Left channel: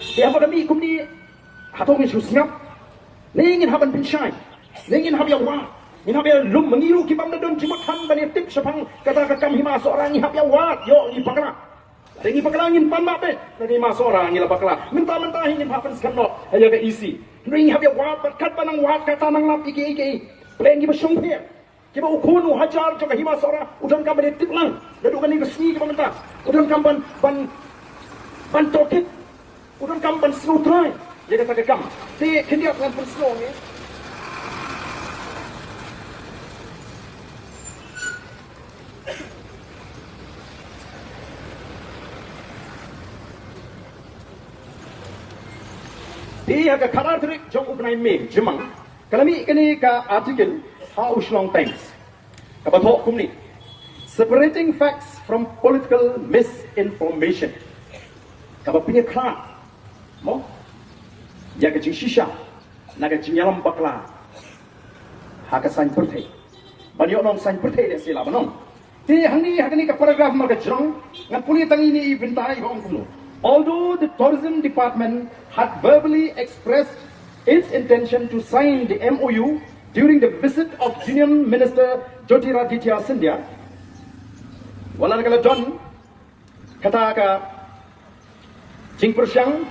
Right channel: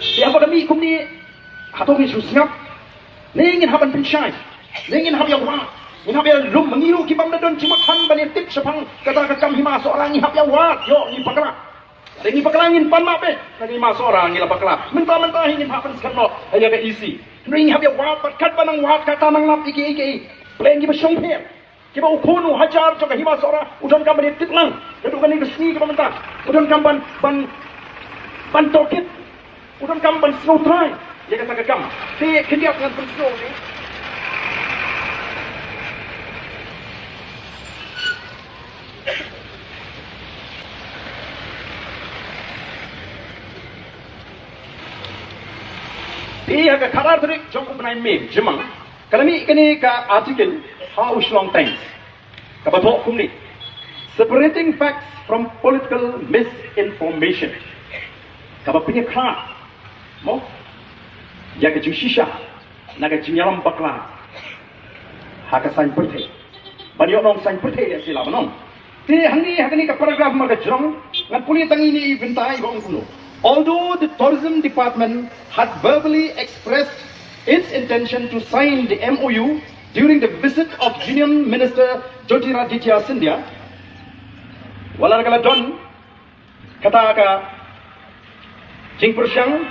dia apa kami kumni atau ni susngap ni ingin haban pensyai ni ingin hab yang wa ingin hab yang lum mengiru kibam dadon cimat han bani tip sepang kata kakam hima seorang ni hab yang wa yo ni pakala Tengi pakalangin pan mape lagi Hima seorang ni la pakala mentah-mentah ingin haban sekarno aja ke isi ni ingin hab yang wa kat banang wa kata nang lap iki Pleng giba syong pe kiba ukunu hajar joka Hima seorang udan kam bani tip lang dadu kan ni resmi kiba mentah udan kam ban tokit udan kam ban snow try dia kata kam te kendiak dengan ban snow ni dia ke karar trik jong upnai me jemang kalami kini ka artikel how long times kabatok kumni separating facts from political misinformation kabapinya kra mo ya ke jing shisha naga jinyalam bakla haka sain perthai banyo nom sain perthai dia sila banom te hangni ka paragraph marga jrong ngan puli tangi ni bintai bong kuno. Although the tourism department had verbally expressed its intention to sign the MOU during the visit of Union Minister Jyotiraditya Scindia, walang kala don kata ka Jing persyang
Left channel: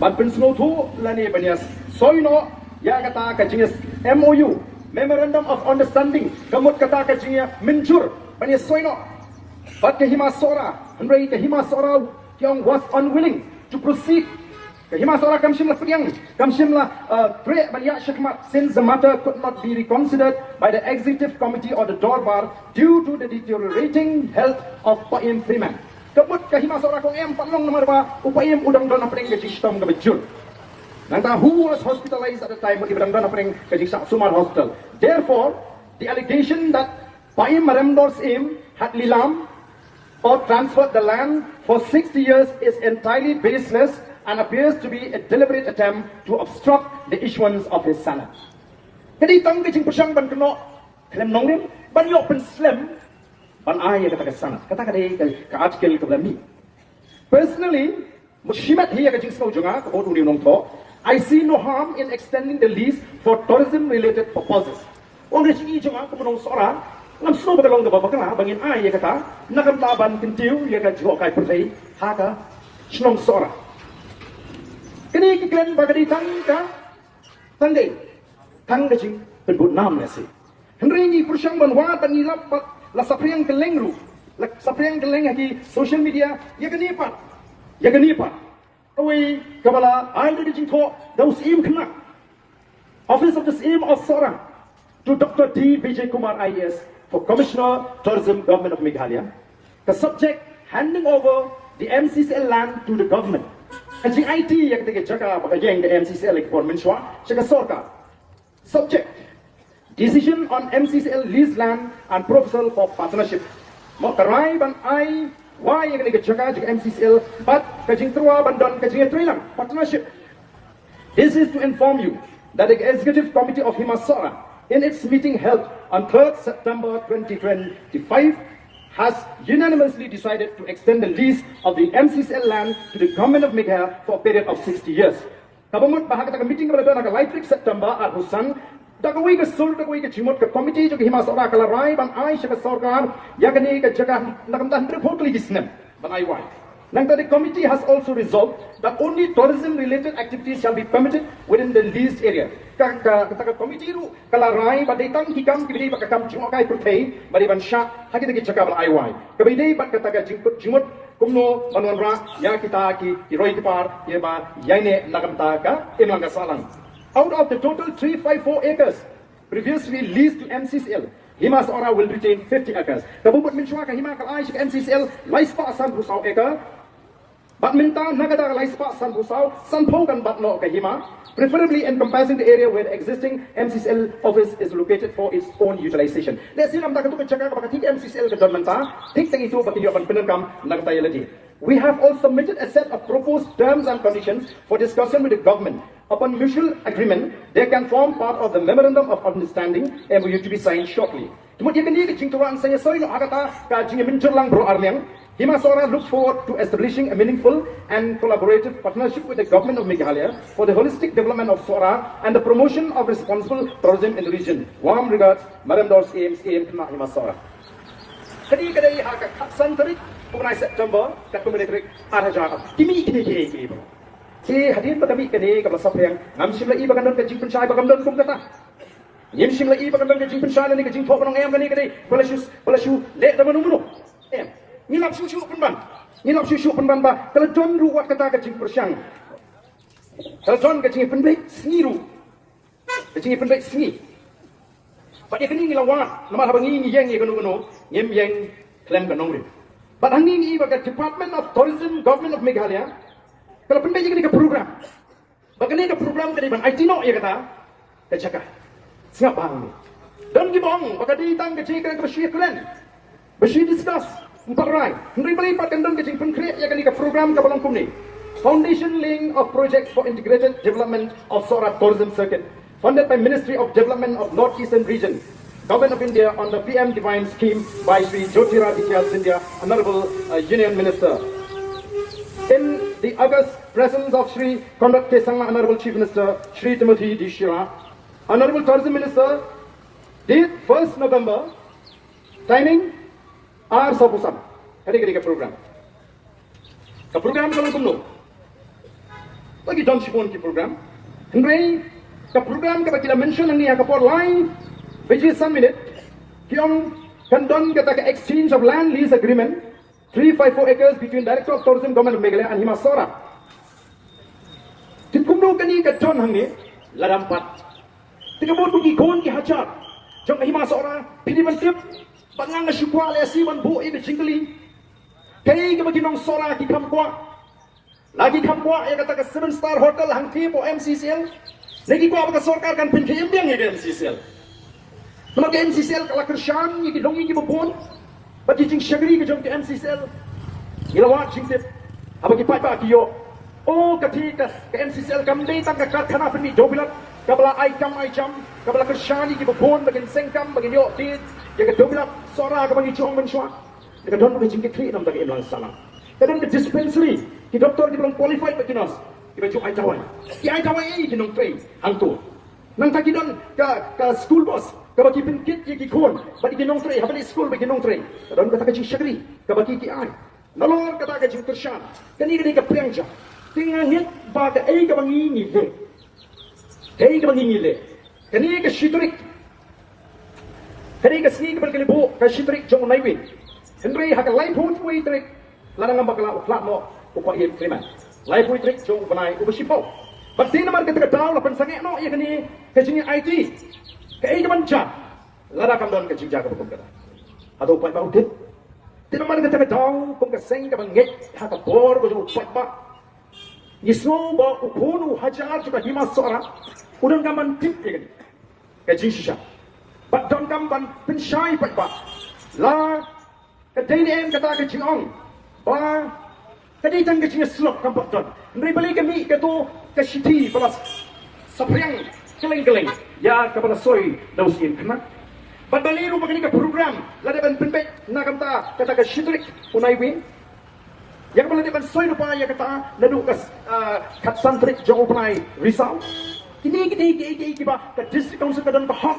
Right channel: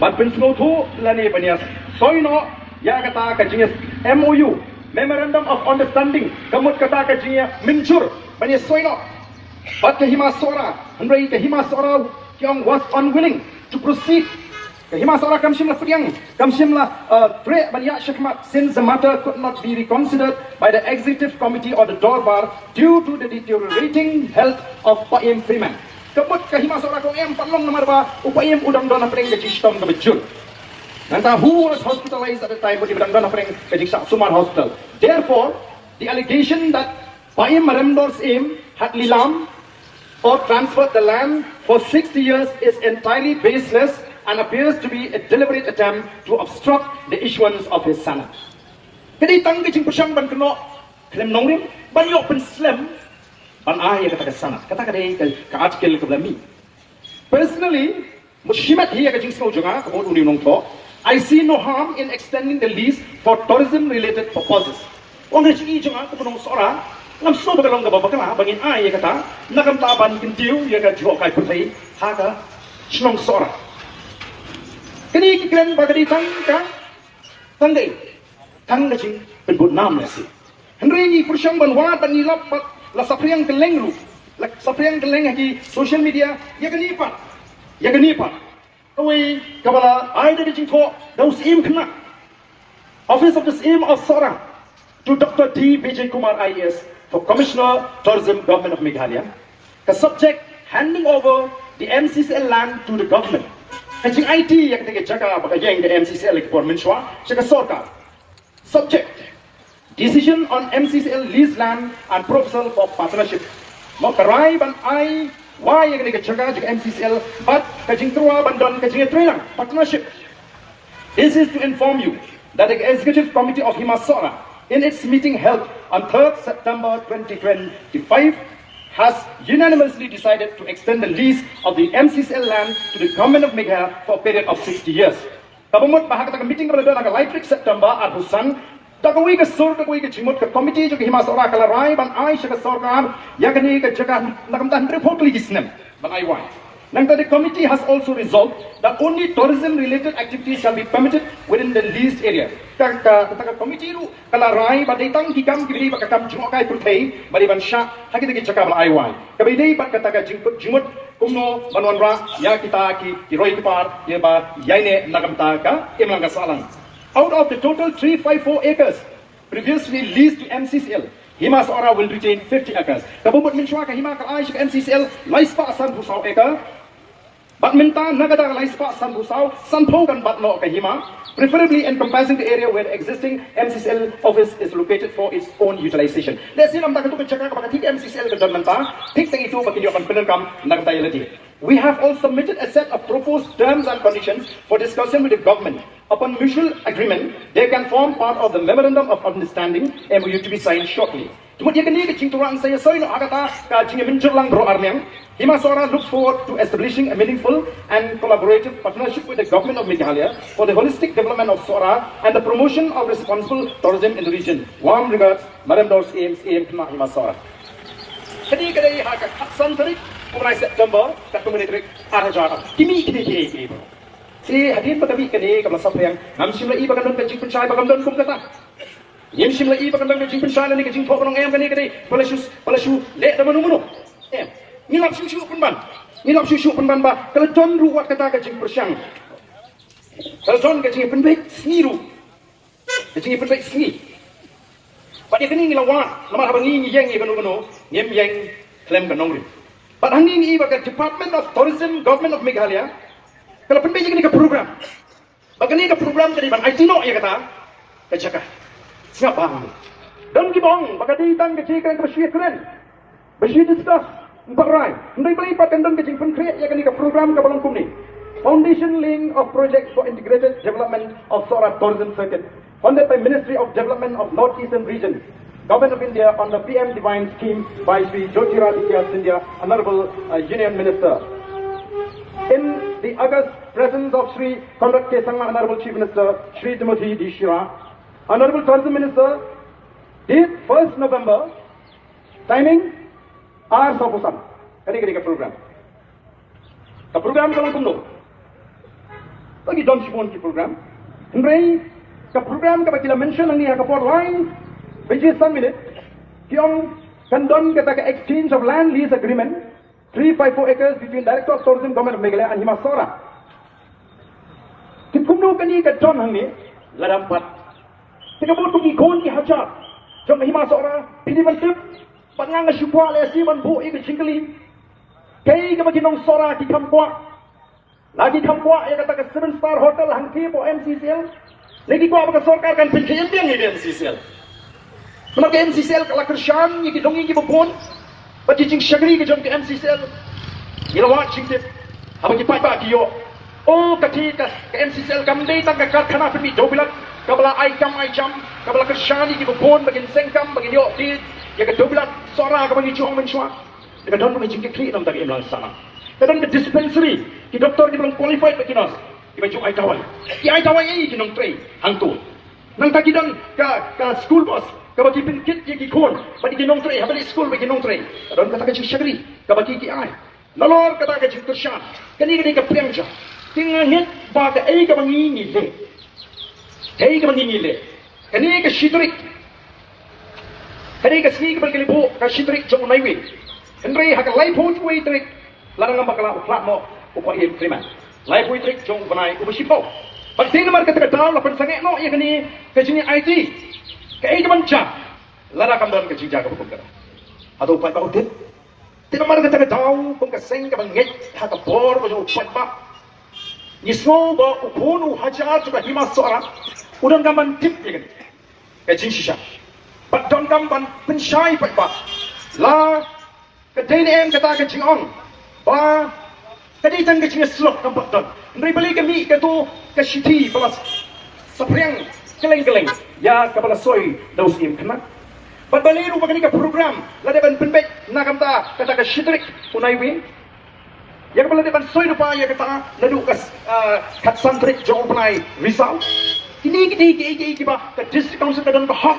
ban pensngotu lani banias soino ya kata ka Jing MOU Memorandum of Understanding kamut kata ka Jing minjur banias soino but ke Hima Sora andai ke Hima Sora yang was unwilling to proceed ke Hima Sora kamsim la pediang kamsim la pre bania shikmat since the matter could not be reconsidered by the executive committee or the Dorbar due to the deteriorating health of Paim Freeman kebut ke Hima Sora kong palong nomor ba upayem udang dona pring ke sistem ke bejun nanta who was hospitalized at the time di udang dona pring ke Suman Hospital. Therefore the allegation that Paim Maremdor's aim had lilam or transferred the land for 60 years is entirely baseless and appears to be a deliberate attempt to obstruct the issuance of his sanad. Jadi tang kecing persang ban keno Khyllem nongrim ban yok pen slem ban ay kata sanad kata ka artikel ke belami. Personally, mushimat hiya kecing sko jonga ko uni nong to I see no harm in extending the lease for tourism related purposes. Ong kecing jonga ko nong sora lam snow bagalong ga bakala bangin ay kata nakam taban kintiu ya ka jo kai pertai haka snong sora kini kikren bagadi tangka tanggai tanggajing penbut nam nasi henry ni persyang ban wa dan nilap la sapriang keleng ru la sapriang keleng ki social media ya genipa away kabala ai de jing ko daus im kena office of the im of sora to Dr. T. Vijay Kumar IAS for Commissioner Tourism Government of Meghalaya. The subject handing over the MCCL land to the government. Kajing IT yang kita jaga bagayang the MCCL for menshwa jaga sorkar. Subject decision on MCCL lease land and proposal for partnership. Makarai ban I why yang kita jaga MCCL but kajing terua bandon kajing trailer partnership. This is to inform you that the Executive Committee of Hima Sora in its meeting held on 3rd September 2025 has unanimously decided to extend the lease of the MCCL land to the government of Meghalaya for a period of 60 years. Kabamut bahag ta meeting pada na Lightrik September at Husang dagwi ka sur dagwi ka chimot ka committee jo Hima Sora kala rai ban ai sa sarkar yakani ka jaga nakamtan report li gisnem ban ai wai. Nang the committee has also resolved that only tourism-related activities shall be permitted within the leased area. Kata committee ru kala rai badai tang hikam kibili bakam jungokai purthai bali bansha haki tagi cakap bal aiwan. Kabidai bat kata ka jingput jumut kumno banwan ra ya kita ki roi kipar ye ba yaine nagamta ka imlang ka salang. Out of the total 354 acres previously leased to MCCL, Hima Sora will retain 50 acres. Kabubut minshwa ka Hima ka ai MCCL laispa asan husau acre. Badminta nagada laispa san husau sanpogan batno ka Hima, preferably encompassing the area where the existing MCCL office is located for its own utilization. Let's see nam takatu ka jaga ka bakati MCCL ka donmanta thik tang itu bakiti apan penengkam nagtayalati. We have also submitted a set of proposed terms and conditions for discussion with the government. Upon mutual agreement, they can form part of the Memorandum of Understanding MOU to be signed shortly. Kemudian kini kecing turang saya soino agata ka jing minjur lang bro armeng Hima Sora looks forward to establishing a meaningful and collaborative partnership with the government of Meghalaya for the holistic development of Sora and the promotion of responsible tourism in the region. Warm regards, Madam Dors AM Khyllem Hima Sora. Kadi kadai haka Haksan tarik mulai September kat Kementerian Arhajar. Kimi kini. Si hadir pada kami kini kapal sampai yang ngamsim lagi bagan don kajing pencai bagan don kum kata. Yamsim lagi bagan don kajing pencai ni kajing thok nong em kini palashu le dah menu. Ngilap susu penban ba kalau don ruat kata kajing persyang. Kalau don kajing penbaik seniru. Kajing penbaik seni. Pak dia kini ngilawat, nama habangi yang kanu ngem yang Khyllem kanong ri. Pak hangi ni bagai Department of Tourism Government of Meghalaya. Kalau penbaik ni ke program. Bagani ke program tadi ban IT no ya kata. Kacaka. Siap bang. Dan gibong bagadi tang kecil kan bersih keren. Bersih discuss. Empat rai. Hendak beli pakan don kecil pen create ya kani ke program ke balong kumni. Foundation link of projects for integrated development of Sora Tourism Circuit, funded by Ministry of Development of North Eastern Region, Government of India on the PM Divine Scheme by Sri Jyotiraditya Scindia, Honorable Union Minister. In the August presence of Sri Conrad K. Sangma, Honorable Chief Minister, Sri Timothy D. Shira, Honorable Tourism Minister, date 1st November, timing hours of Usan. Kali program. The program kalau kumno. Lagi John Shipon ki program. Henry, the program kata kita mention ang niya kapor line, which is some minute. Kiyong kandon kata ka exchange of land lease agreement, 354 acres between Director of Tourism Government of Meghalaya and Hima Sora. Tikumno kani ka John hang ni ladampat. Tikabot ko ikon ki haja. Jom Hima Sora pidi bantip. Pangang asyukwa le si ban bu i jingkali. Kay ka maginong Sora ki kamkwa. Lagi kamkwa ya kata ka 7-star hotel hang ti po MCCL. Lagi ko apa ka sarkar kan pinjam dia ngi MCCL. Nomor ke MCCL kala kersyam ni dongi ki bopon. Bagi jing syagri ke jom ke MCCL. Ilawat jing tip. Apa ki pai ba ki yo. Oh kati ka MCCL kam dei tang ka kana pemi do bilak. Kabla ai jam kabla kersyam ni ki bopon bagin sengkam bagin yo ti ya ka do bilak Sora ka bagi chuang men chua. Ka don bagi jing ke Khlieh nam tak em lang sana. Kadang ke dispensary, ki doktor ki belum qualified bagi nas. Ki baju ai tawai. Ki ai tawai ai ki nong train hang tu. Nang taki dan ka school bus, ka bagi pin kit ki kon, bagi ki nong train, ha bagi school bagi nong train. Kadang kata ka jing syagri, ka bagi ki ai. Lalor kata ka jing tersyan. Kani ka Pleng ja. Tinggal hit ba ka ai ka bangi ni le. Ai ka bangi ni le. Kani ka shitrik. Kani ka ski ka bagi libu ka shitrik jong naiwi. Henry ha ka lai pon kuai trik. Larang ang bakala flat mo upaya krimen. Lai pui trik jong banai ubasipo. Pagting naman kata daw la pensangek no ya kani kajini IT. Kai kaman cha. Lara kam dan kaji jaga bukan kata. Atau upai ba utit. Tidak naman kata daw kung kaseng ka bangget ha ka bor ko upai ba. Nismo ba upunu hajar juga Hima Sora. Udan kaman tip ya kani. Kaji shisha. But don kam ban pensyai pai ba. La kadai em kata kaji on. Ba, tadi tang kecil slok nampak don. Nri balik kami katu kasiti balas sapriang keleng-keleng. Ya kepada soy daus im kena. Baliru bagani ka program ladaban penbek nakamta kata ka shitrik unai win. Yang ladaban soy lupa ya kata ladu kas kat santrik jong unai risau. Kini ba ka district council ka don ka hak